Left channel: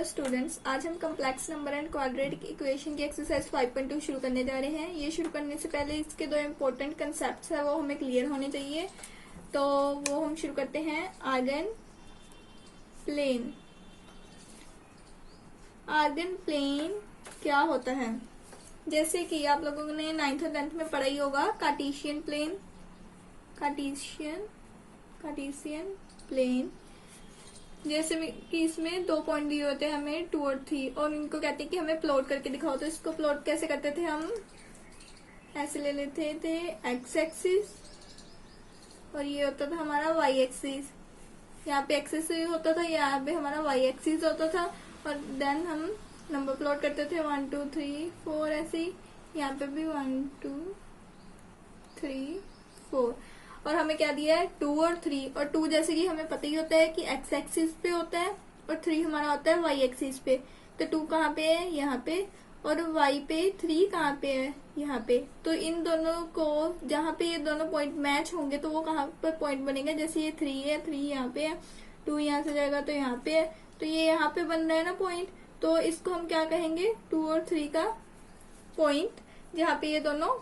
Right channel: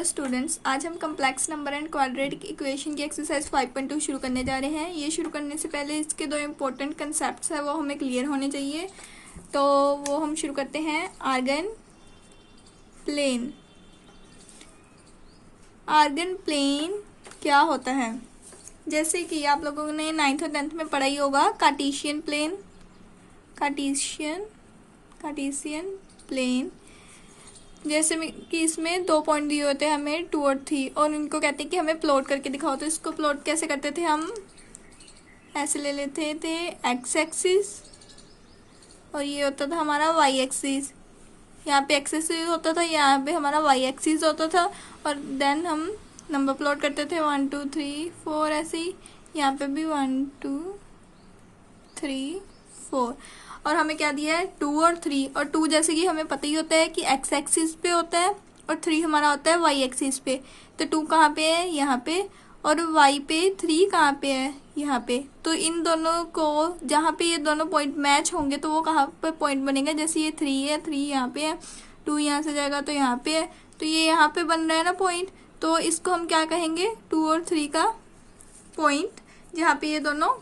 Hello students, आज हम complex number and quadratic equation की एक्सरसाइज 5.2 शुरू करने जा रहे हैं। ये शुरू करने से पहले इसके दो इम्पोर्टेंट कंसेप्ट्स है वो हमें क्लियर होने चाहिए। तो वो हम शुरू करते हैं। Argon plane. आर्गन प्लेन क्या होता है? जैसे कि आप लोगों ने 9th और 10th में पढ़ा ही होगा कार्टेशियन प्लेन। कार्टेशियन प्लेन जैसे कि इसमें 2 पॉइंट दिए होते हैं हमें 2 और 3, और इनको कहते हैं कि हमें प्लॉट करके दिखाओ। तो इसको प्लॉट कैसे करते थे? हम ऐसे ले लेते थे एक्स एक्सिस, और ये होता था हमारा वाई एक्सिस। यहाँ पे एक्सिस होता था, यहाँ पे हमारा वाई एक्सिस होता था, और देन हम नंबर प्लॉट करते थे 1 2 3 4 ऐसे ही। यहाँ पे भी 1 2 3 4, और हमें क्या दिया है 2 और 3। और 2 जैसे कि हमें पता ही होता है कि एक्स एक्सिस पे होता है, और 3 हमारा होता है वाई एक्सिस पे। तो 2 कहाँ पे है? यहाँ पे। और वाई पे 3 कहाँ पे है? यहाँ पे। तो इन दोनों को जहाँ पे ये दोनों पॉइंट मैच होंगे तो वो कहाँ पे पॉइंट बनेगा? जैसे ये 3 है, 3 यहाँ पे है, 2 यहाँ से जाएगा तो यहाँ पे है, तो ये यहाँ पे बन रहा है ना पॉइंट। तो इसको हम क्या कहेंगे? 2 और 3 का पॉइंट, जहाँ पे ये दोनों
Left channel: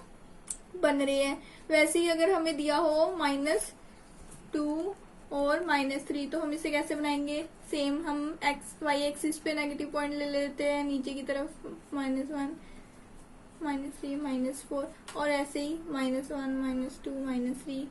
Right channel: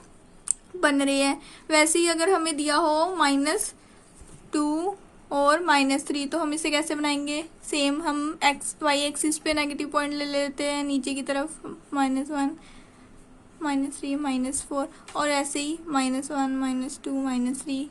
बन रहे हैं। वैसे ही अगर हमें दिया हो -2 और -3, तो हम इसे कैसे बनाएंगे? सेम हम एक्स वाई एक्सिस पे नेगेटिव पॉइंट ले लेते हैं नीचे की तरफ, -1 -3 -4, और ऐसे ही -1 -2 -3।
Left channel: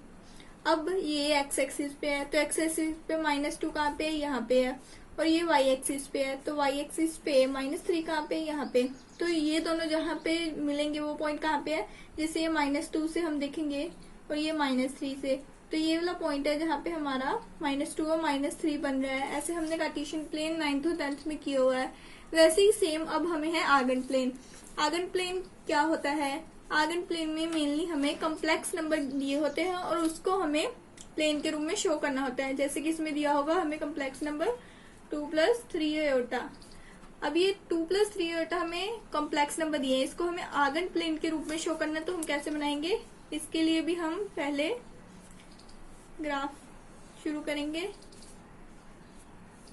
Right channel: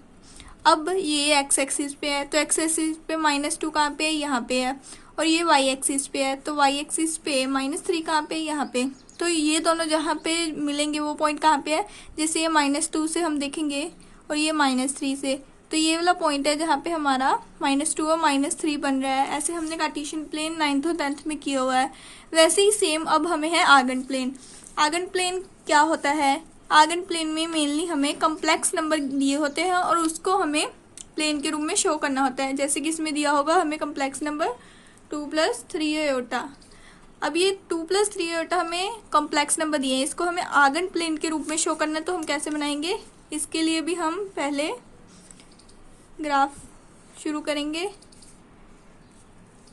अब ये एक्स एक्सिस पे है, तो एक्स एक्सिस पे -2 कहाँ पे है? यहाँ पे है। और ये वाई एक्सिस पे है, तो वाई एक्सिस पे -3 कहाँ पे? यहाँ पे। तो ये दोनों जहाँ पे मिलेंगे वो पॉइंट कहाँ पे है? जैसे ये -2 से हम देखेंगे, और ये -3 से, तो ये वाला पॉइंट है जहाँ पे हमारा -2 और -3 बन रहा है। ऐसे हमने कार्टेशियन प्लेन 9th और 10th में किया हुआ है। वैसे ही सेम अब हमें है आर्गन प्लेन। आर्गन प्लेन क्या होता है? आर्गन प्लेन में मेनली हमें कम्प्लेक्स नंबर दिए होते हैं और उसको हमें प्लेन के रूप में शो करना होता है। जैसे कि इसमें दिया होगा हमें कम्प्लेक्स नंबर 2 + 3 आयोटा। अब ये 2 + 3 आयोटा हमें कॉम्प्लेक्स नंबर दिए हैं, इसको हमें आर्गन प्लेन के रूप में शो करना है। तो हम कैसे बनाएंगे? इसके लिए भी हम पहले ग्राफ शुरू करेंगे।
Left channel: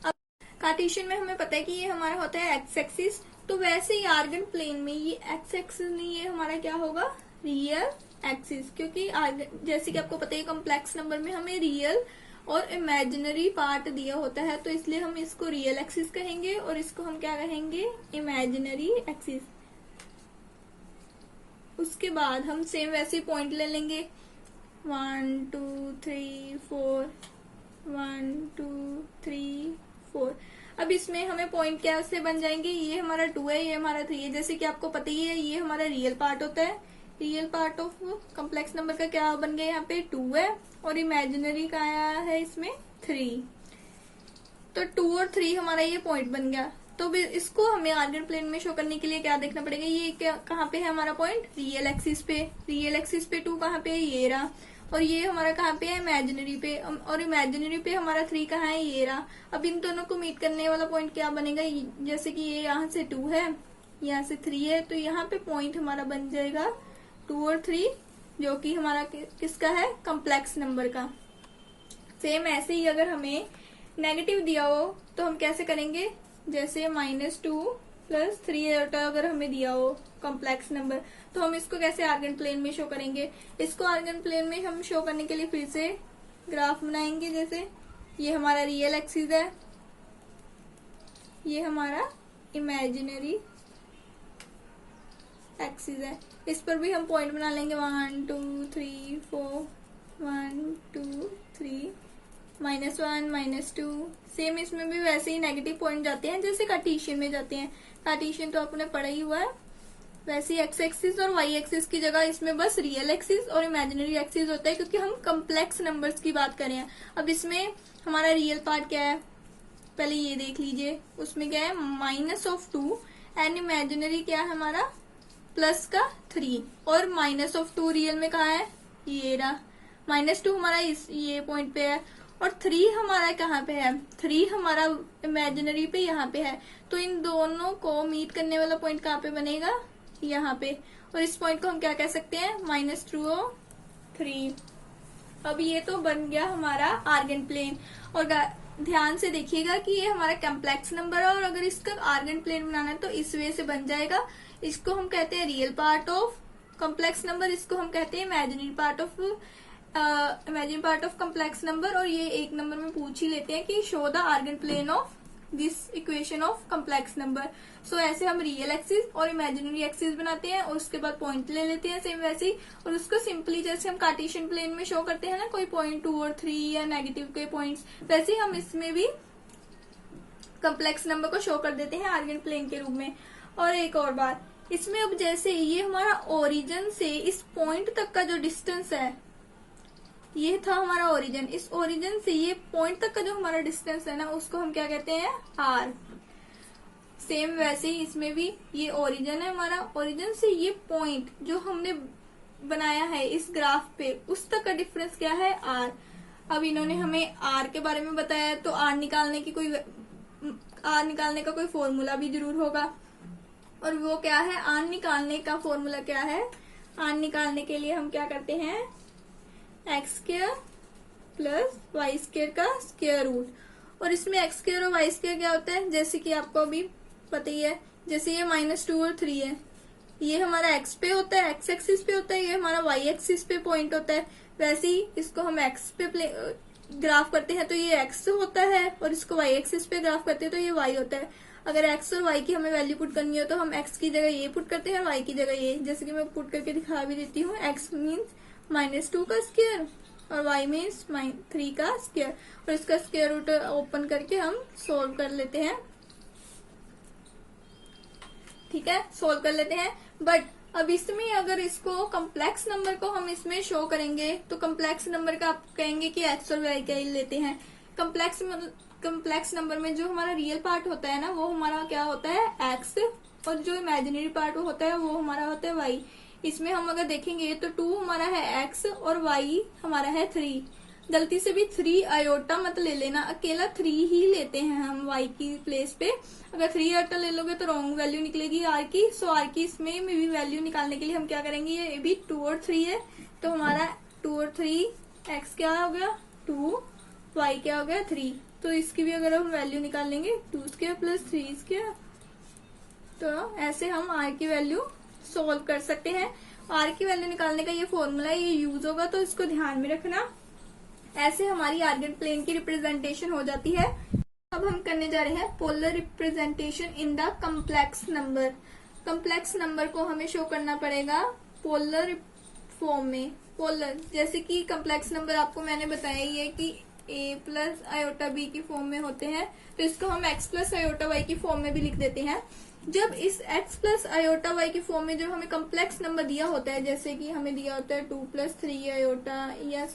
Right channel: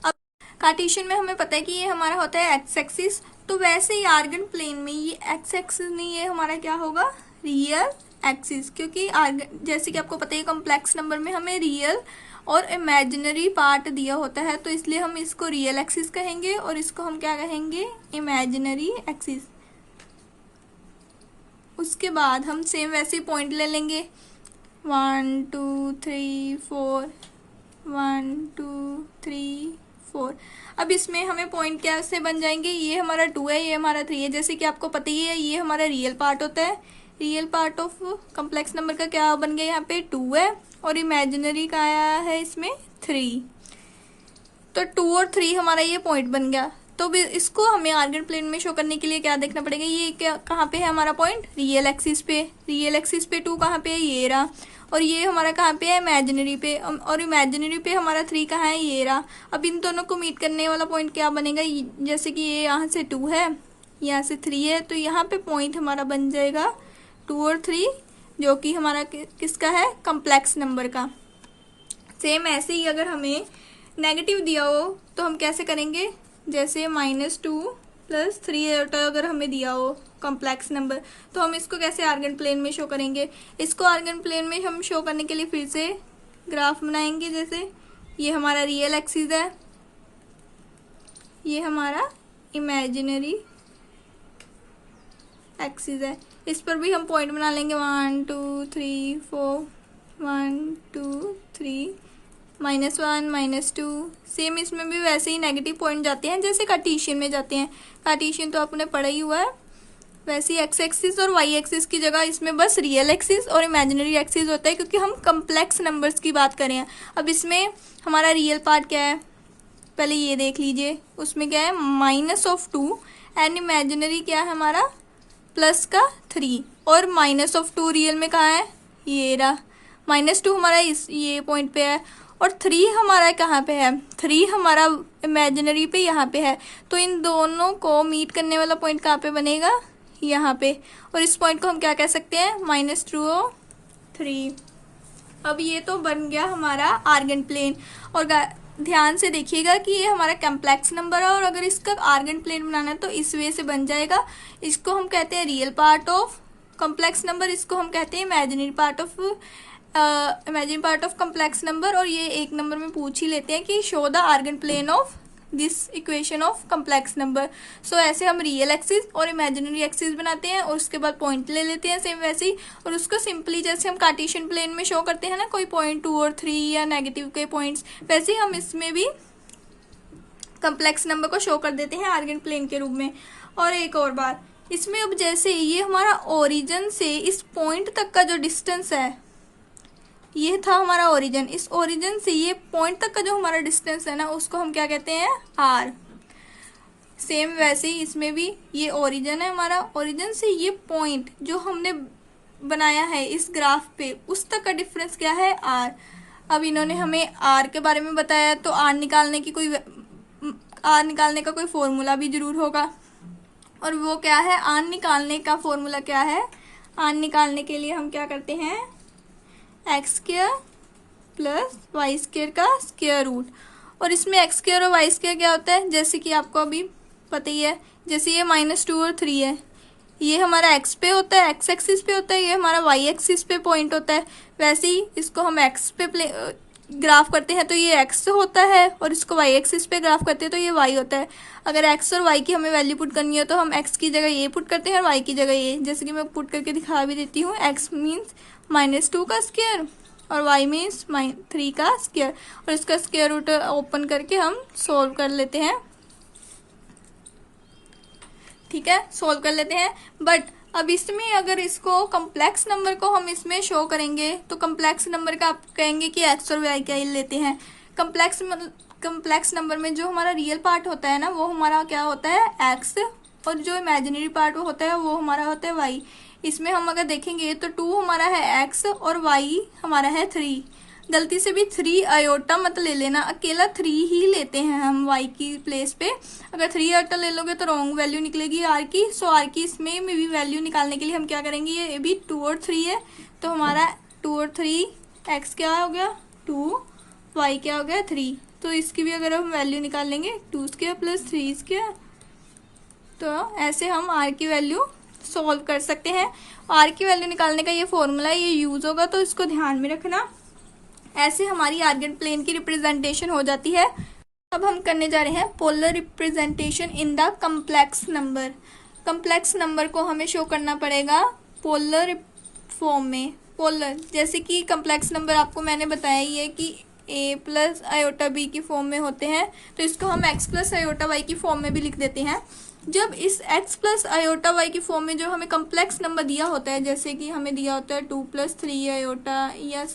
अब कार्टेशियन में हमें पता है कि ये हमारा होता है एक्स एक्सिस, तो वैसे ही आर्गन प्लेन में ये एक्स एक्सिस नहीं, ये हमारा क्या होगा? Real axis. क्योंकि जैसे कि आपको पता है कॉम्प्लेक्स नंबर में हमें रियल और इमेजिनरी पार्ट दिया होता है, तो इसलिए हम इसको रियल एक्सिस कहेंगे और इसको हम क्या कहेंगे? Imaginary axis. उसके बाद हम सेम वैसे पॉइंट ले लेंगे 1 2 3 4 1 2 3 4। अब इसमें हमें पॉइंट कैसे बन जाएंगे? ये हमारा 2 है, ये हमारा 3 है। जैसे कि आपको पता ही है ये हमारा रियल पार्ट होता है। Real part of complex number का क्या बन गया? यहाँ पे 2 है, और इमेजिनरी का आया है इसमें 3। तो 2 और 3 हमारा ये पॉइंट बन गया। तो इसको हमें आर्गन प्लेन में शो करने के लिए क्या देखना पड़ेगा? ये क्या कहाँ पे है हमारा पॉइंट? रियल एक्सिस पे। रियल एक्सिस पे 2 कहाँ पे है? ये रहा। और ये हमारा कहाँ पे है? इमेजिनरी पे। और इमेजिनरी पे हमारा 3 कहाँ है? ये रहा। अब इन दोनों को मीट करने वाला पॉइंट क्या बनेगा? जैसे कि ये यहाँ से 2 है, यहाँ से 3 है, तो यहाँ पे पॉइंट हमारा बन जाएगा 2 और 3, जो कि हमारा किसका है? कम्प्लेक्स नंबर का। सेम ऐसे ही अगर हमें नेगेटिव दिया हो तो हम कैसे करेंगे? जैसे -2 + 3 आयोटा अगर हमें दिया हो कॉम्प्लेक्स नंबर, तो हम इसको कैसे आर्गन प्लेन में शो करेंगे? इसको आर्गन प्लेन में हम शो करने के लिए फिर से ग्राफ बनाएंगे। जैसे ये हमारा रियल एक्सिस है, ये हमारा इमेजिनरी एक्सिस है। इस पर भी हम पॉइंट बना लेंगे 1 2 3 4 1 2 3 -1 -2। सेम इसमें भी वैसे ही नेगेटिव पॉइंट जाते हैं जैसे कार्टेशियन में जाते हैं। कार्टेशियन तो आपने पढ़ा ही हुआ है। वैसे ही एक्स एक्सिस और वाई एक्सिस की जगह इसमें बस रियल एक्सिस और इमेजिनरी एक्सिस होता है, क्योंकि हम कम्प्लेक्स नंबर्स की बात कर रहे हैं। अब इसमें हमारा रियल पार्ट क्या है? पहले ये देख लीजिए, उसमें क्या है? -2, एंड इमेजिनरी क्या है हमारा? +3। और -2 रियल में कहाँ है? ये रहा। -2 हमारा ये पॉइंट पे है, और 3 हमारा कहाँ पे है? 3 हमारा इमेजिनरी पे यहाँ पे है। तो इन दोनों को मीट करने वाला पॉइंट कहाँ पे बनेगा? यहाँ पे। और इस पॉइंट को हम क्या कह सकते हैं? -2 और 3। अब ये तो बन गया हमारा आर्गन प्लेन। और ध्यान से देखिएगा कि ये हमारा कम्प्लेक्स नंबर है, और अगर इसका आर्गन प्लेन बनाना है तो इस वे से बन जाएगा। इसको हम कहते हैं real part of complex number, इसको हम कहते हैं imaginary part of complex number. और ये एक नंबर में पूछ ही लेते हैं कि show the Argand plane of this equation of complex number. So ऐसे हम रियल एक्सिस और इमेजिनरी एक्सिस बनाते हैं, और उसके बाद पॉइंट ले लेते हैं सेम वैसे ही, और उसको सिंपली जैसे हम कार्टेशियन प्लेन में शो करते हैं ना कोई पॉइंट 2 और 3 या नेगेटिव के पॉइंट्स, वैसे ही हम इसमें भी कम्प्लेक्स नंबर को शो कर देते हैं आर्गन प्लेन के रूप में। और एक और बात, इसमें अब जैसे ये हमारा ओरिजिन से इस पॉइंट तक का जो डिस्टेंस है, ये था हमारा ओरिजिन, इस ओरिजिन से ये पॉइंट तक का जो हमारा डिस्टेंस है ना, उसको हम क्या कहते हैं, आर। सेम वैसे ही इसमें भी ये ओरिजिन है हमारा, ओरिजिन से ये पॉइंट जो हमने बनाया है इस ग्राफ पे, उस तक का डिफरेंस क्या है, आर। अब इन्होंने हमें आर के बारे में बताया, तो आर निकालने का कोई फॉर्मूला भी जरूर होगा, और वो क्या है, आर निकालने का फॉर्मूला क्या है, आर निकालने के लिए हम क्या करते हैं, X square plus Y square का स्क्वायर रूट। और इसमें एक्स स्क्वायर और वाई स्क्वायर क्या होता है, जैसे कि आपको अभी पता ही है, जैसे ये -2 और 3 है, ये हमारा एक्स पे होता है, एक्स एक्सिस पे होता है, ये हमारा वाई एक्सिस पे पॉइंट होता है। वैसे ही इसको हम एक्स पे ग्राफ करते हैं तो ये एक्स होता है, और इसको वाई एक्सिस पे ग्राफ करते हैं तो ये वाई होता है। अगर एक्स और वाई की हमें वैल्यू पुट करनी हो तो हम एक्स की जगह ये पुट करते हैं और वाई की जगह ये, जैसे कि मैं पुट करके दिखा भी देती हूँ। एक्स मीन्स -2 का स्क्वायर और y मीन्स 3 का स्क्वायर, और इसका स्क्वायर रूट ओपन करके हम सोल्व कर लेते हैं। ठीक है, सोल्व कर लेते हैं। बट अब इसमें अगर इसको कम्प्लेक्स नंबर को हम इसमें शो करेंगे तो कम्प्लेक्स नंबर का आप कहेंगे कि एक्स और वाई का ही लेते हैं। कम्प्लेक्स नंबर में जो हमारा रियल पार्ट होता है ना, वो हमारा क्या होता है, एक्स, और जो इमेजिनरी पार्ट होता है वो हमारा होता है वाई। इसमें हम अगर देखेंगे तो 2 हमारा है एक्स और y हमारा है 3। गलती से भी 3 आयोटा मत ले लेना, अकेला 3 ही लेते हैं हम y की प्लेस पे। अगर 3 आयोटा ले लोगे तो रॉन्ग वैल्यू निकलेगी r की। सो r की इसमें भी वैल्यू निकालने के लिए हम क्या करेंगे, ये भी 2 और 3 है, तो हमारा 2 और 3 x क्या हो गया 2, y क्या हो गया 3। तो इसकी भी अगर हम वैल्यू निकाल लेंगे 2 स्क्वायर प्लस 3 स्क्वायर, तो ऐसे हम r की वैल्यू सोल्व कर सकते हैं। आर की वैल्यू निकालने का ये फॉर्मूला ये यूज होगा, तो इसको ध्यान में रखना। ऐसे हमारी आर्गन प्लेन की रिप्रेजेंटेशन हो जाती है। अब हम करने जा रहे हैं polar representation in the complex number. Complex number को हमें शो करना पड़ेगा पोलर फॉर्म में। पोलर जैसे कि कम्प्लेक्स नंबर आपको मैंने बताया ही है कि a प्लस आयोटा b की फॉर्म में होते हैं, तो इसको हम x प्लस आयोटा y की फॉर्म में भी लिख देते हैं। जब इस x प्लस आयोटा y की फॉर्म में जो हमें कम्प्लेक्स नंबर दिया होता है, जैसे कि हमें दिया होता है 2 + 3 आयोटा या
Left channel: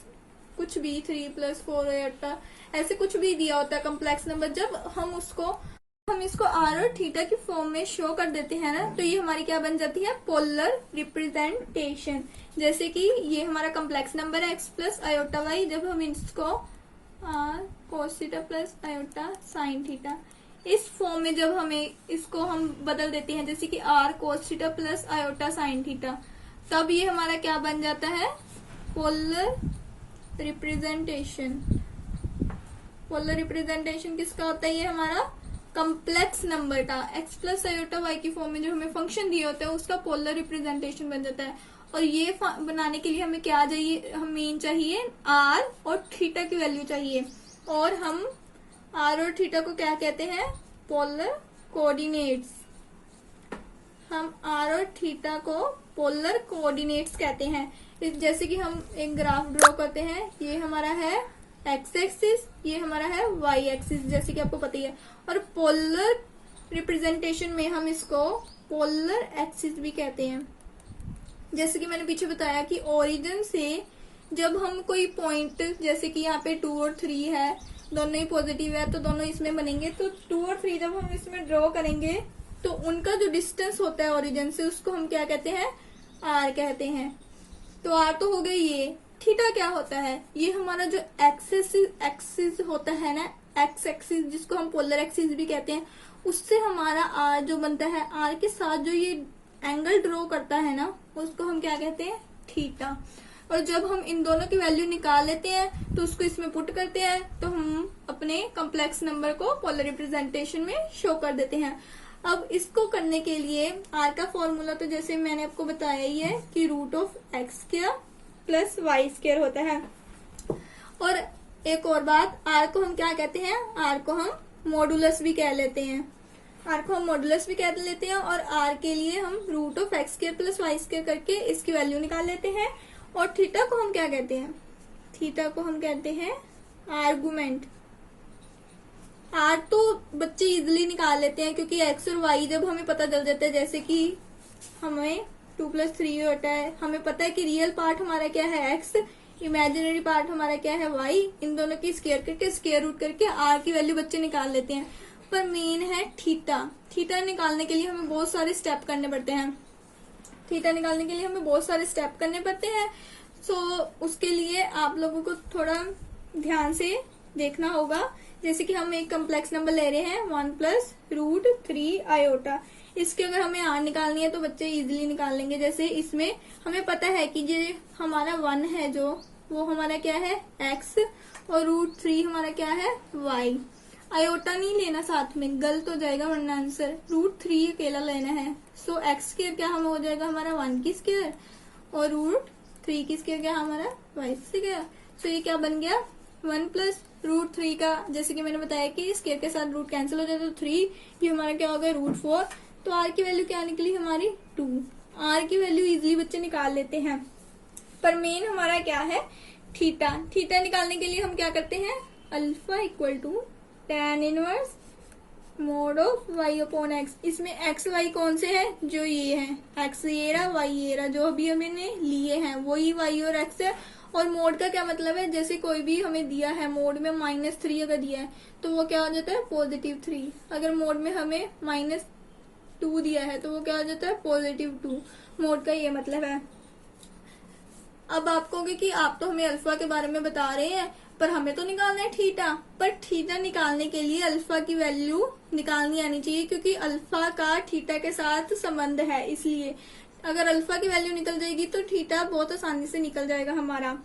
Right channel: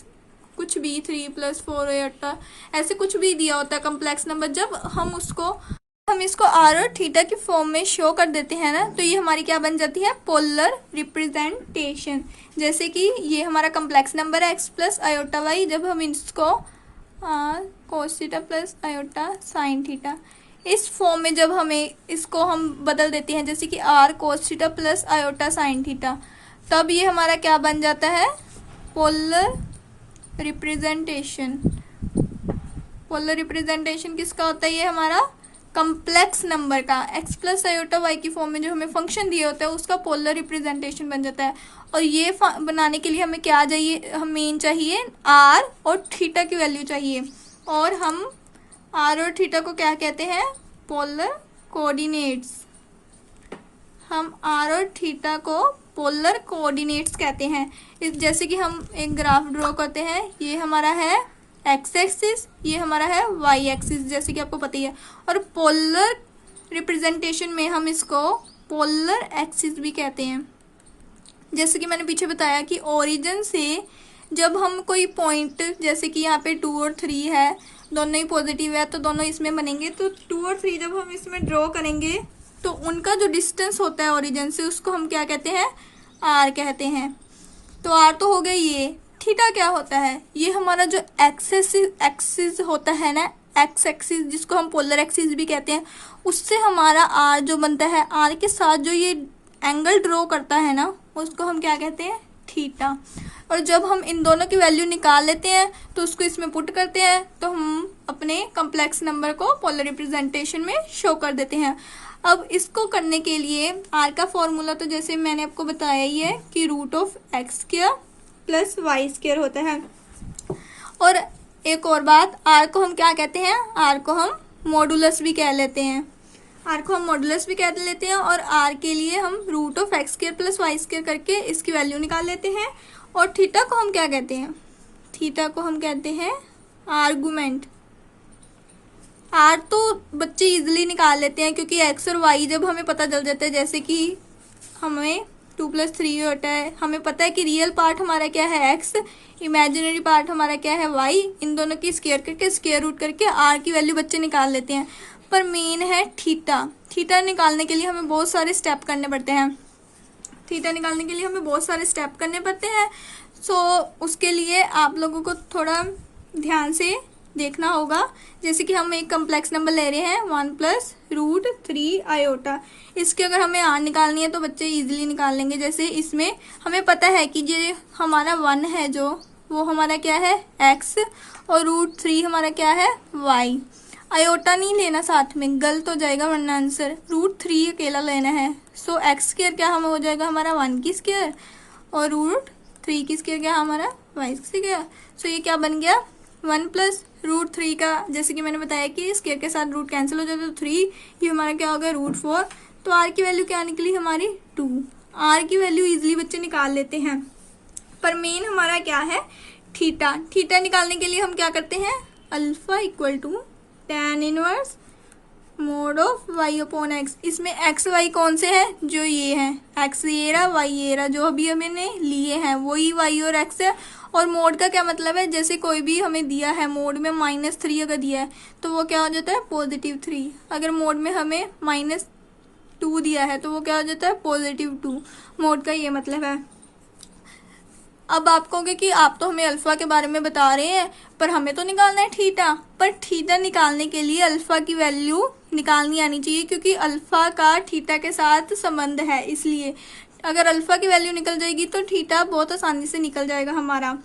कुछ भी 3 + 4 आयोटा, ऐसे कुछ भी दिया होता है कम्प्लेक्स नंबर, जब हम इसको r और थीटा की फॉर्म में शो कर देते हैं ना, तो ये हमारी क्या बन जाती है, पोलर रिप्रेजेंटेशन। जैसे कि ये हमारा कम्प्लेक्स नंबर है x प्लस आयोटा y, जब हम इसको cos theta plus iota sine theta, इस फॉर्म में जब हमें इसको हम बदल देते हैं, जैसे कि r cos theta plus iota sine theta, तब ये हमारा क्या बन जाता है, पोलर रिप्रेजेंटेशन। पोलर रिप्रेजेंटेशन किसका होता है, ये हमारा कम्प्लेक्स नंबर का x प्लस आयोटा y की फॉर्म में जो हमें फंक्शन दिए होता है उसका पोलर रिप्रेजेंटेशन बन जाता है। और ये बनाने के लिए हमें क्या चाहिए, हमें चाहिए r और थीटा की वैल्यू चाहिए, और हम r और थीटा को क्या कहते हैं, पोलर कोऑर्डिनेट्स। हम r और थीटा को पोलर कोऑर्डिनेट्स कहते हैं। जैसे कि हम एक ग्राफ ड्रॉ करते हैं, ये हमारा है एक्स एक्सिस, ये हमारा है वाई एक्सिस, जैसे कि आपको पता ही है। और पोलर रिप्रेजेंटेशन में हम इसको पोलर एक्सिस भी कहते हैं। जैसे कि मैंने पीछे बताया कि ओरिजिन से जब हम कोई पॉइंट, जैसे कि यहाँ पे 2 और 3 है, दोनों ही पॉजिटिव है, तो दोनों इसमें बनेंगे। तो 2 और 3 जब हम इसमें ड्रॉ करेंगे तो उनका जो डिस्टेंस होता है ओरिजिन से, उसको हम क्या कहते हैं, आर कहते हैं। तो आर तो हो गई ये। थीटा क्या होता है, ये हमारा जो एक्सिस होता है ना, एक्स एक्सिस जिसको हम पोलर एक्सिस भी कहते हैं, उससे हमारा आर जो बनता है, आर के साथ जो ये एंगल ड्रॉ करता है ना, उसको हम क्या कहते हैं, थीटा। और जब हम इन दोनों की वैल्यू निकाल लेते हैं तो उसको इसमें पुट करते हैं तो हम अपने कम्प्लेक्स नंबर को पोलर रिप्रेजेंटेशन में शो कर देते हैं। अब इसको करने के लिए आर का फॉर्मूला तो जैसे मैंने आपको बताया ही है कि root of X square plus Y square होता है। और एक और बात, आर को हम क्या कहते हैं, आर को हम मॉडुलस भी कह लेते हैं, आर को हम मॉडुलस भी कह लेते हैं। और आर के लिए हम root of X square plus Y square करके इसकी वैल्यू निकाल लेते हैं। और थीटा को हम क्या कहते हैं, थीटा को हम कहते हैं आर्गुमेंट। आर तो बच्चे इजीली निकाल लेते हैं क्योंकि एक्स और वाई जब हमें पता चल जाता है, जैसे कि हमें 2+3 होता है, हमें पता है कि रियल पार्ट हमारा क्या है एक्स, इमेजिनरी पार्ट हमारा क्या है वाई, इन दोनों की स्क्वायर करके स्क्वायर रूट करके आर की वैल्यू बच्चे निकाल लेते हैं। पर मेन है थीटा। थीटा निकालने के लिए हमें बहुत सारे स्टेप करने पड़ते हैं, थीटा निकालने के लिए हमें बहुत सारे स्टेप करने पड़ते हैं। सो उसके लिए आप लोगों को थोड़ा ध्यान से देखना होगा। जैसे कि हम एक कम्प्लेक्स नंबर ले रहे हैं 1+√3 आयोटा, इसके अगर हमें आर निकालनी है तो बच्चे इजीली निकाल लेंगे। जैसे इसमें हमें पता है कि ये हमारा 1 है जो वो हमारा क्या है एक्स, और √3 हमारा क्या है वाई। आयोटा नहीं लेना साथ में, गलत हो जाएगा वरना आंसर। √3 अकेला लेना है। सो एक्स स्क्वायर क्या हमें हो जाएगा हमारा 1 की स्क्वायर, और √3 की स्क्वायर क्या हमारा वाई स्क्वायर। सो ये क्या बन गया 1+√3 का, जैसे कि मैंने बताया कि स्क्वायर के साथ रूट कैंसिल हो जाता है तो 3, ये हमारा क्या हो गया √4। तो आर की वैल्यू क्या निकली हमारी 2। आर की वैल्यू इजीली बच्चे निकाल लेते हैं। पर मेन हमारा क्या है थीटा। थीटा निकालने के लिए हम क्या करते हैं, alpha equal to tan inverse mod of y upon X. इसमें एक्स वाई कौन से हैं, जो ये हैं, एक्स ये रहा वाई ये रहा, जो अभी हमने लिए हैं वही वाई और एक्स है। और मोड का क्या मतलब है, जैसे कोई भी हमें दिया है मोड में -3 अगर दिया है तो वो क्या हो जाता है +3। अगर मोड में हमें -2 दिया है तो वो क्या हो जाता है +2। मोड का ये मतलब है। अब आप कहोगे कि आप तो हमें अल्फा के बारे में बता रहे हैं पर हमें तो निकालना है थीटा। पर थीटा निकालने के लिए अल्फा की वैल्यू निकालनी आनी चाहिए क्योंकि अल्फा का थीटा के साथ संबंध है। इसलिए अगर अल्फा की वैल्यू निकल जाएगी तो थीटा बहुत आसानी से निकल जाएगा हमारा।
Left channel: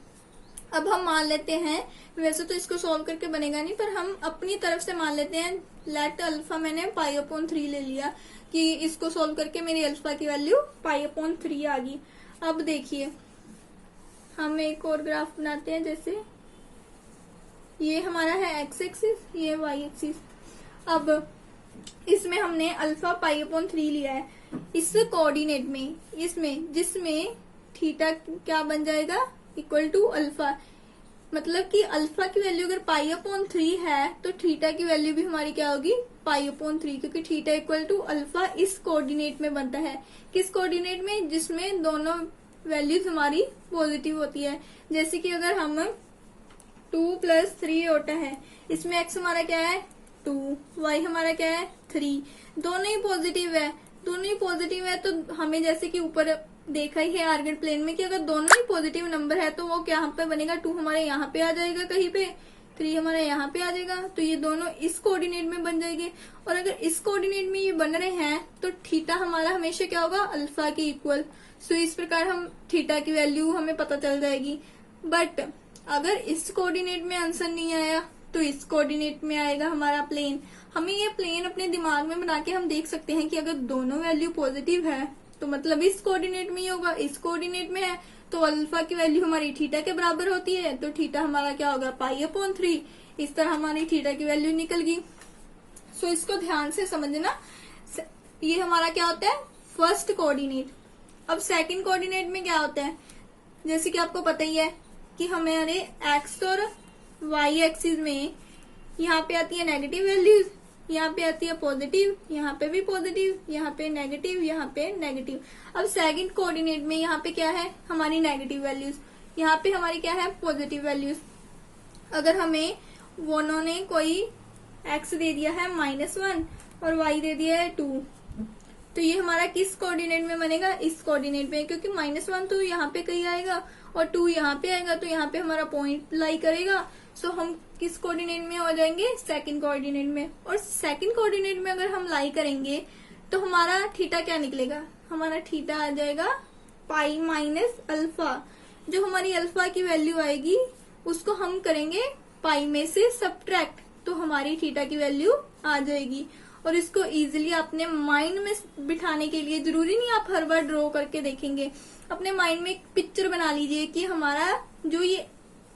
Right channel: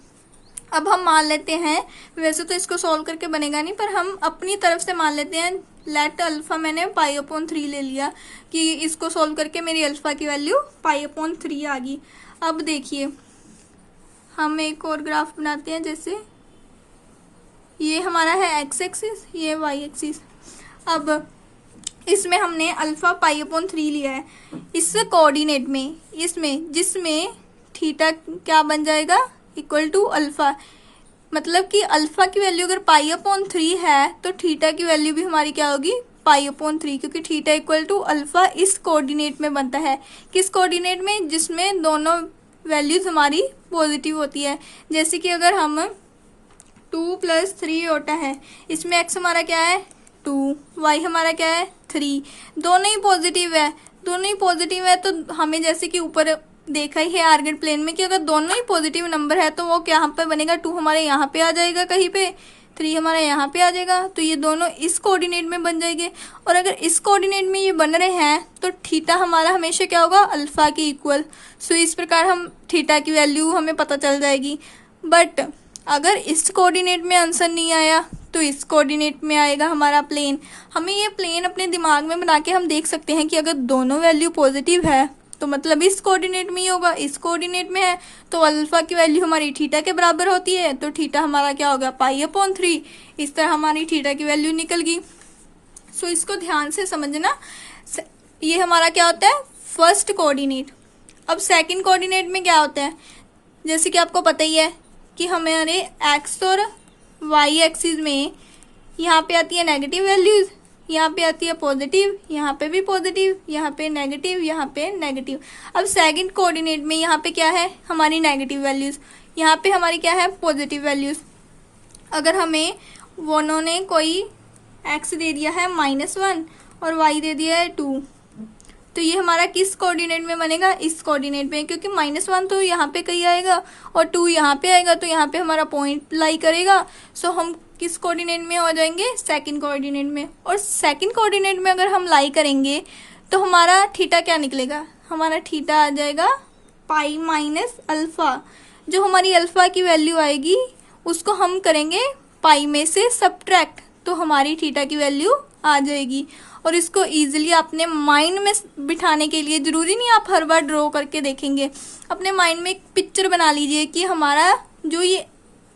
अब हम मान लेते हैं, वैसे तो इसको सॉल्व करके बनेगा नहीं पर हम अपनी तरफ से मान लेते हैं, लेट अल्फा मैंने π/3 ले लिया कि इसको सॉल्व करके मेरी अल्फा की वैल्यू π/3 आ गई। अब देखिए हम एक और ग्राफ बनाते हैं, जैसे ये हमारा है एक्स एक्सिस, ये वाई एक्सिस। अब इसमें हमने अल्फा π/3 लिया है इस कोऑर्डिनेट में, इसमें जिसमें थीटा क्या बन जाएगा इक्वल टू अल्फा। मतलब कि अल्फा की वैल्यू अगर π/3 है तो थीटा की वैल्यू भी हमारी क्या होगी π/3, क्योंकि थीटा इक्वल टू अल्फा इस कोऑर्डिनेट में बनता है। किस कोऑर्डिनेट में, जिसमें दोनों वैल्यूज हमारी पॉजिटिव होती है। जैसे कि अगर हम 2+3 होता है, इसमें x हमारा क्या है 2, y हमारा क्या है 3, दोनों ही पॉजिटिव है। दोनों ही पॉजिटिव है तो हमें जैसे कि ऊपर देखा ही है आर्गेट प्लेन में कि अगर दोनों ही पॉजिटिव नंबर है तो वो क्या पे बनेगा, 2 हमारे यहाँ पे आ जाएगा कहीं पे, 3 हमारे यहाँ पे आ जाएगा। तो ये दोनों इस कोऑर्डिनेट में बन जाएंगे। और अगर इस कोऑर्डिनेट में ये बन रहे हैं तो थीटा हमारा हमेशा क्या होगा अल्फा के इक्वल। सो इस प्रकार हम थीटा की वैल्यू हमें पता चल जाएगी। बट अगर इस कोऑर्डिनेट में आंसर नहीं आया तो इस कोऑर्डिनेट में आएगा हमारा प्लेन। हमें ये प्लेन अपने दिमाग में बना के हम देख सकते हैं कि अगर दोनों वैल्यू पॉजिटिव है तो मतलब इस कोऑर्डिनेट में ही होगा, इस कोऑर्डिनेट में है तो अल्फा की वैल्यू हमारी थीटा के बराबर होती है, तो थीटा हमारा क्या होगा π/3। इस तरह हमारी थीटा की वैल्यू निकल गई। सो इसको ध्यान से समझना। ये हमारा क्या होता है फर्स्ट कोऑर्डिनेट। अब सेकंड कोऑर्डिनेट में क्या होता है, जैसे कि आपको पता ही है कि हमारे एक्स और वाई एक्सिस में यहाँ पे आती है नेगेटिव वैल्यूज, यहाँ पे आती है पॉजिटिव, यहाँ पे भी पॉजिटिव, यहाँ पे नेगेटिव, यहाँ पे नेगेटिव। अब सेकंड कोऑर्डिनेट में यहाँ पे क्या है हमारी नेगेटिव वैल्यूज, यहाँ पे हमारी क्या है पॉजिटिव वैल्यूज। अगर हमें उन्होंने कोई एक्स दे दिया है -1 और वाई दे दिया है 2, तो ये हमारा किस कोऑर्डिनेट में बनेगा, इस कोऑर्डिनेट में, क्योंकि -1 तो यहाँ पे कहीं आएगा और 2 यहाँ पे आएगा तो यहाँ पे हमारा पॉइंट लाई करेगा। सो हम किस कोऑर्डिनेट में हो जाएंगे सेकंड कोऑर्डिनेट में। और सेकंड कोऑर्डिनेट में अगर हम लाई करेंगे तो हमारा थीटा क्या निकलेगा, हमारा थीटा आ जाएगा π - अल्फा। जो हमारी अल्फ़ा की वैल्यू आएगी उसको हम करेंगे पाई में से सब्ट्रैक्ट, तो हमारी थीटा की वैल्यू आ जाएगी। और इसको ईजिली अपने माइंड में बिठाने के लिए ज़रूरी नहीं आप हर बार ड्रॉ करके देखेंगे, अपने माइंड में एक पिक्चर बना लीजिए कि हमारा जो ये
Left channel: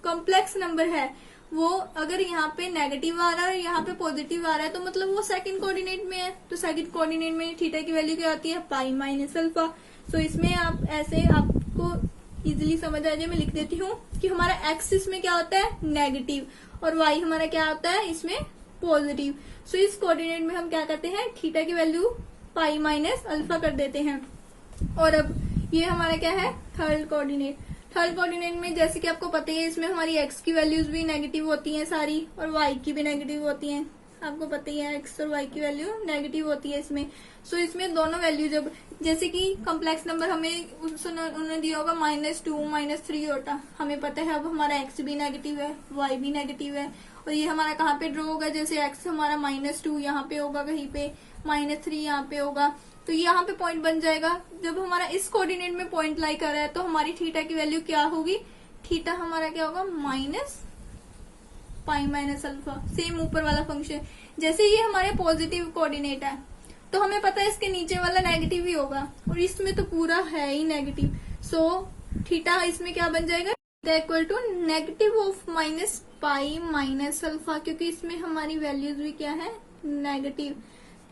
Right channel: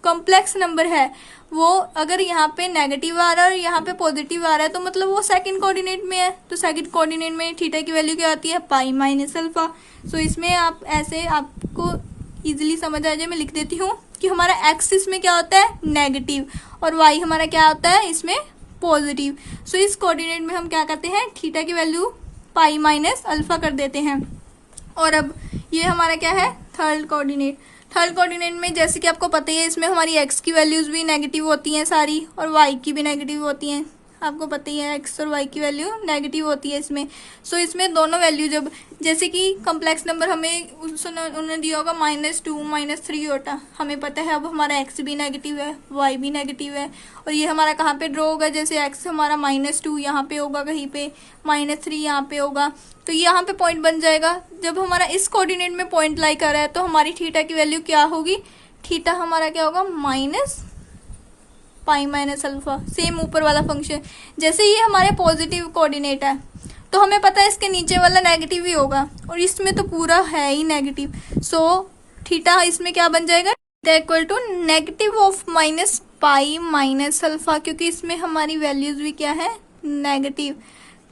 कॉम्प्लेक्स नंबर है वो अगर यहाँ पे नेगेटिव आ रहा है और यहाँ पे पॉजिटिव आ रहा है तो मतलब वो सेकंड कोऑर्डिनेट में है, तो सेकंड कोऑर्डिनेट में थीटा की वैल्यू क्या आती है, पाई माइनस अल्फा। सो इसमें आप ऐसे आपको इजीली समझ आ जाए, मैं लिख देती हूँ कि हमारा एक्स इसमें क्या होता है, नेगेटिव, और वाई हमारा क्या होता है इसमें, पॉजिटिव। सो इस कोऑर्डिनेट में हम क्या करते हैं, थीटा की वैल्यू पाई माइनस अल्फा कर देते हैं। और अब ये हमारा क्या है, थर्ड कोऑर्डिनेट। थर्ड कोऑर्डिनेट में जैसे कि आपको पता ही है इसमें हमारी एक्स की वैल्यूज़ भी नेगेटिव होती हैं सारी, और वाई की भी नेगेटिव होती हैं, आपको पता ही है एक्स और वाई की वैल्यू नेगेटिव होती है इसमें। सो इसमें दोनों वैल्यू जब जैसे कि कम्प्लेक्स नंबर हमें उन्होंने दिया होगा -2 -3 होता, हमें पता है अब हमारा एक्स भी नेगेटिव है, वाई भी नेगेटिव है, और ये हमारा कहाँ पे ड्रॉ होगा, जैसे एक्स हमारा -2 यहाँ पे होगा, कहीं पे -3 यहाँ पे होगा, तो यहाँ पे पॉइंट बन जाएगा। जब हमारा इस कोऑर्डिनेट में पॉइंट लाई कर रहा है तो हमारी थीटा की वैल्यू क्या होगी, थीटा हमारा क्या होगा, minus pi minus alpha. Same ऊपर वाला फंक्शन, जैसे ये हमारे पॉजिटिव कोऑर्डिनेट है तो हमें पता है इसके नीचे वाला नेगेटिव ही होगा, और इसमें तो पूरा है ही नेगेटिव। सो थीटा इसमें क्या बन जाएगा, theta equal to negative of minus pi minus alpha, क्योंकि इसमें हमारी वैल्यूज भी क्या है, नेगेटिव,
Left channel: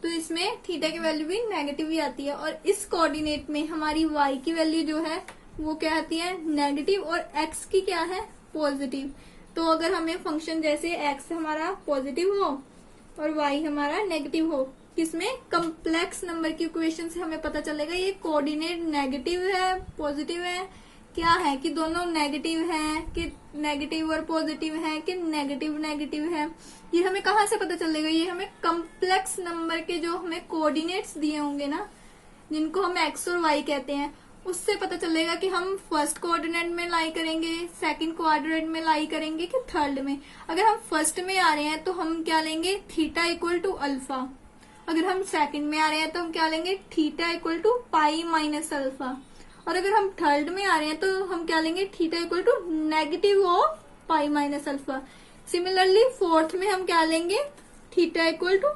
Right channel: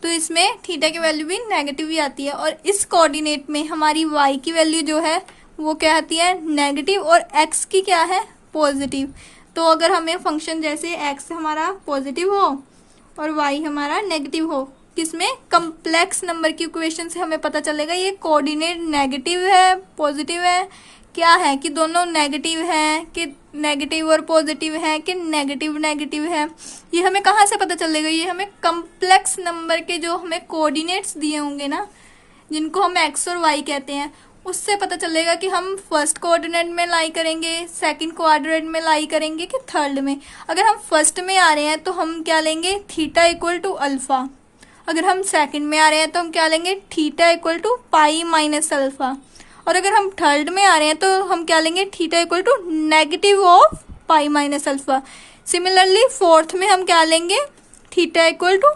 तो इसमें थीटा की वैल्यू भी नेगेटिव ही आती है। और इस कोऑर्डिनेट में हमारी वाई की वैल्यू जो है वो क्या आती है, नेगेटिव, और एक्स की क्या है, पॉजिटिव। तो अगर हमें फंक्शन जैसे एक्स हमारा पॉजिटिव हो और वाई हमारा नेगेटिव हो, किसमें, कम्प्लेक्स नंबर की इक्वेशन से हमें पता चलेगा ये कोऑर्डिनेट नेगेटिव है पॉजिटिव है, क्या है कि दोनों नेगेटिव है, कि नेगेटिव और पॉजिटिव है, कि नेगेटिव नेगेटिव है। ये हमें कहाँ से पता चलेगा, ये हमें कम्प्लेक्स नंबर के जो हमें कोऑर्डिनेट्स दिए होंगे ना, जिनको हम एक्स और वाई कहते हैं, उससे पता चलेगा कि हम फर्स्ट कोऑर्डिनेट में लाई करेंगे, सेकंड कोऑर्डिनेट में लाई करेंगे, कि थर्ड में। अगर हम फर्स्ट में आ रहे हैं तो हम क्या लेंगे, थीटा इक्वल टू अल्फा। अगर हम सेकंड में आ रहे हैं तो हम क्या लेंगे, theta equal to pi minus alpha. और अगर हम थर्ड में आ रहे हैं तो हम क्या लेंगे, theta equal to negative of pi minus alpha. Similarly fourth में हम क्या लेंगे, theta equal to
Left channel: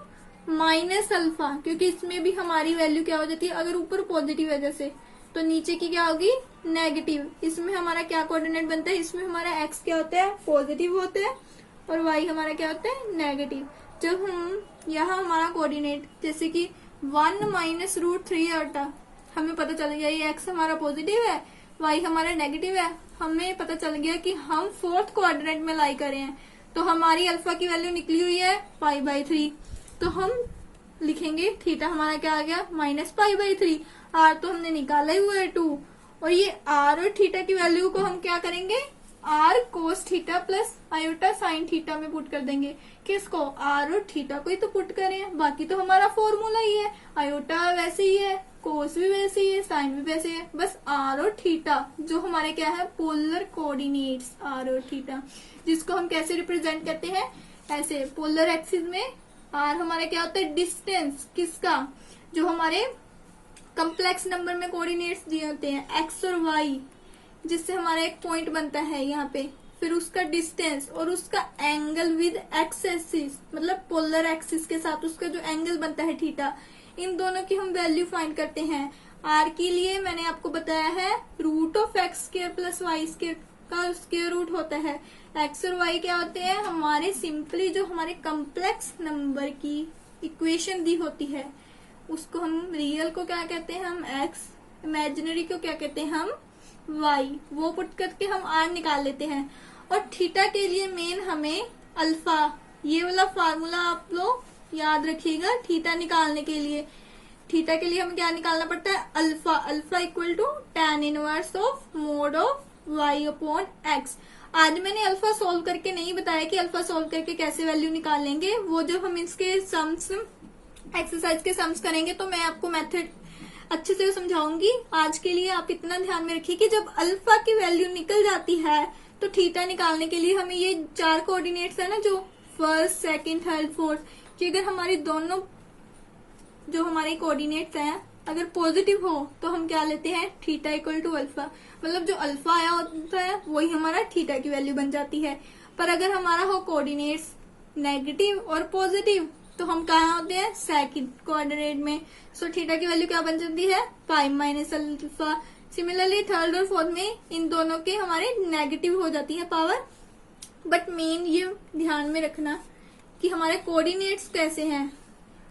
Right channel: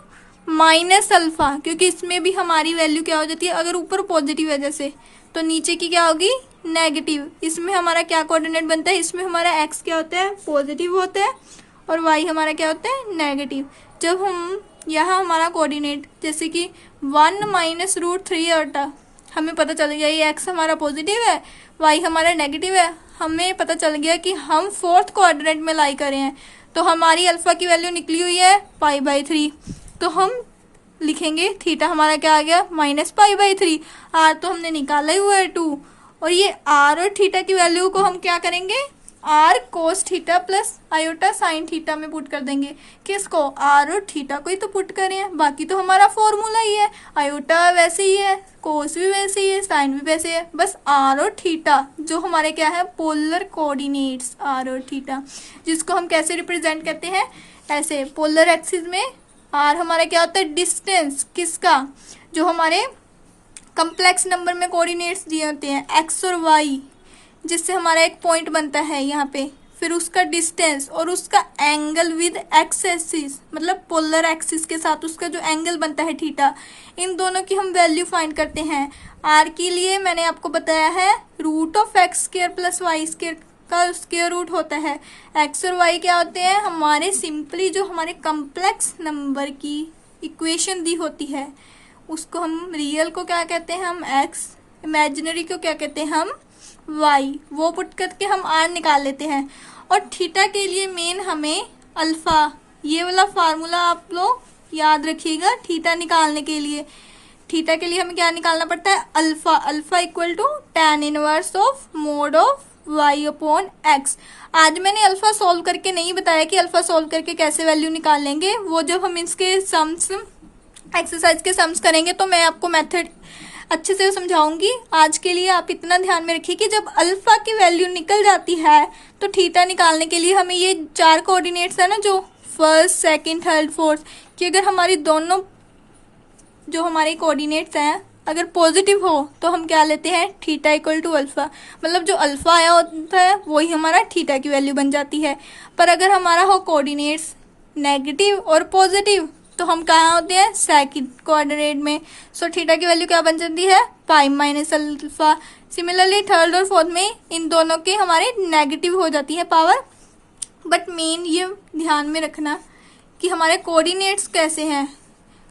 minus alpha, क्योंकि इसमें भी हमारी वैल्यू क्या हो जाती है, अगर ऊपर पॉजिटिव है जैसे तो नीचे की क्या होगी, नेगेटिव। इसमें हमारा क्या कोऑर्डिनेट बनता है, इसमें हमारा एक्स क्या होता है, पॉजिटिव होता है, और वाई हमारा क्या होता है, नेगेटिव। जब हम यहाँ हमारा कोऑर्डिनेट जैसे कि 1 माइनस √3 होता, हमें पता चल गया ये एक्स हमारा पॉजिटिव है, वाई हमारा नेगेटिव है, हमें पता चल गया कि हम फोर्थ कोऑर्डिनेट में लाई करे हैं, तो हमारी अल्फा की वैल्यू निकली हुई है पाई/3, तो हम लिखेंगे थीटा हमारा क्या आ गया, -पाई/3। आर तो हमने निकाला ही हुआ है 2, और ये आर और थीटा की वैल्यू को हम क्या करेंगे, R cos theta plus iota sine theta में पुट कर देंगे। किसको, आर और थीटा को ही तो पुट करें हैं, बाकी तो हमारा फॉर्मूला ही है, आयोटा वैसे ही है, कोस भी वैसे ही है, साइन भी वैसे है, बस आर और थीटा जो हमारे क्या है, पोलर कोऑर्डिनेट्स आर और थीटा, जिसको हम कैसे रिप्रेजेंट करते हैं, ऐसे पोलर एक्सिस में आर हमारा क्या होता है, डिस्टेंस किसका, जो हमारे कम्प्लेक्स नंबर में कोऑर्डिनेट्स दिए होते हैं एक्स और वाई, जिससे हमारा एक पॉइंट बनता है यहाँ पे, फिर उसका डिस्टेंस और उसका एंगल विद एक्स एक्सिस, मतलब पोलर एक्सिस के साथ उसका जो एंगल बनता है थीटा, इन दोनों की हम वैल्यू फाइंड करते हैं। आर के लिए मैंने आपको बताया है √(x² + y² का स्क्वायर रूट होता है। एक्स और वाई क्या होते हैं, हमारे सिंपली जो हमारे कम्प्लेक्स नंबर की इक्वेशन दी होती है उसको हम रियल को क्या कहते हैं, हम एक्स, इमेजिनरी को क्या कहते हैं, हम वाई, वो पुट करके हम आर निकाल लेते हैं। और थीटा के लिए मेन हमें अल्फा, ये वाला फार्मूला आप लोग याद रखिएगा। थीटा निकालने के लिए, थीटा के लिए हमें क्या निकालना पड़ता है, alpha. Alpha equal to tan inverse of mod of y/x। आज मैंने अल्फा सॉल्व करके नहीं बताया कि अल्फा सॉल्व करके कैसे वैल्यू निकाल लेंगे, वो जब हम इसके सम्स एक्सरसाइज के सम्स करेंगे तो मैं आपको मेथड अच्छे से समझाऊंगी। आज के लिए आप इतना ध्यान में रखिए कि जब अल्फा की वैल्यू निकल जाती है तो थीटा निकालने के लिए हमें ये 4 कोऑर्डिनेट्स है ना, जो फर्स्ट सेकंड थर्ड फोर्थ, कि अगर हमारी दोनों जो हमारे कोऑर्डिनेट्स हैं अगर पॉजिटिव हो तो हम क्या लेते हैं, थीटा इक्वल टू अल्फा, मतलब जो अल्फा आया होता है वही हमारा थीटा की वैल्यू बन जाती है। पर अगर हमारा हो कोऑर्डिनेट्स नेगेटिव और पॉजिटिव तो हम कहाँ होते हैं, सेकंड कोऑर्डिनेट में। सो थीटा की वैल्यू क्या बन जाती है, पाई माइनस अल्फा। सिमिलरली थर्ड और फोर्थ में इन दोनों के हमारे नेगेटिव हो जाती है पावर। बट मेन ये ध्यान में रखना कि हमारे कोऑर्डिनेट्स कैसे हैं,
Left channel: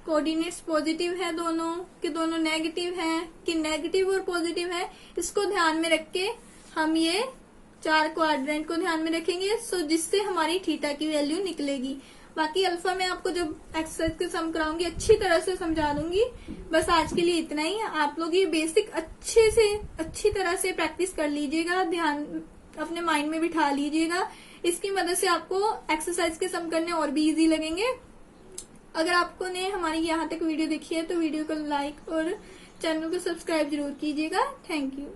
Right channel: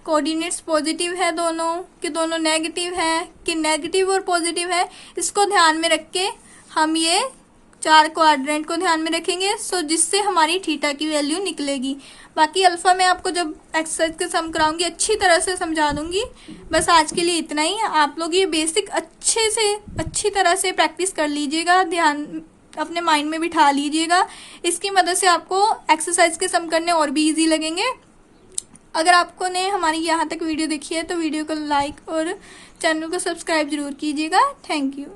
कोऑर्डिनेट्स पॉजिटिव है दोनों कि दोनों नेगेटिव है कि नेगेटिव और पॉजिटिव है, इसको ध्यान में रख के हम ये चार क्वाड्रेंट को ध्यान में रखेंगे। सो जिससे हमारी थीटा की वैल्यू निकलेगी। बाकी अल्फा मैं आपको जब एक्सरसाइज के सम कराऊंगी अच्छी तरह से समझा दूंगी। बस आज के लिए इतना ही। आप लोग ये बेसिक अच्छी तरह से प्रैक्टिस कर लीजिएगा, ध्यान अपने माइंड में बिठा लीजिएगा। इसकी मदद से आपको एक्सरसाइज के सम करने और भी इजी लगेंगे। अगर आपको ने हमारी यहाँ तक वीडियो देखी है तो वीडियो को लाइक और चैनल को सब्सक्राइब जरूर कीजिएगा। Thank you.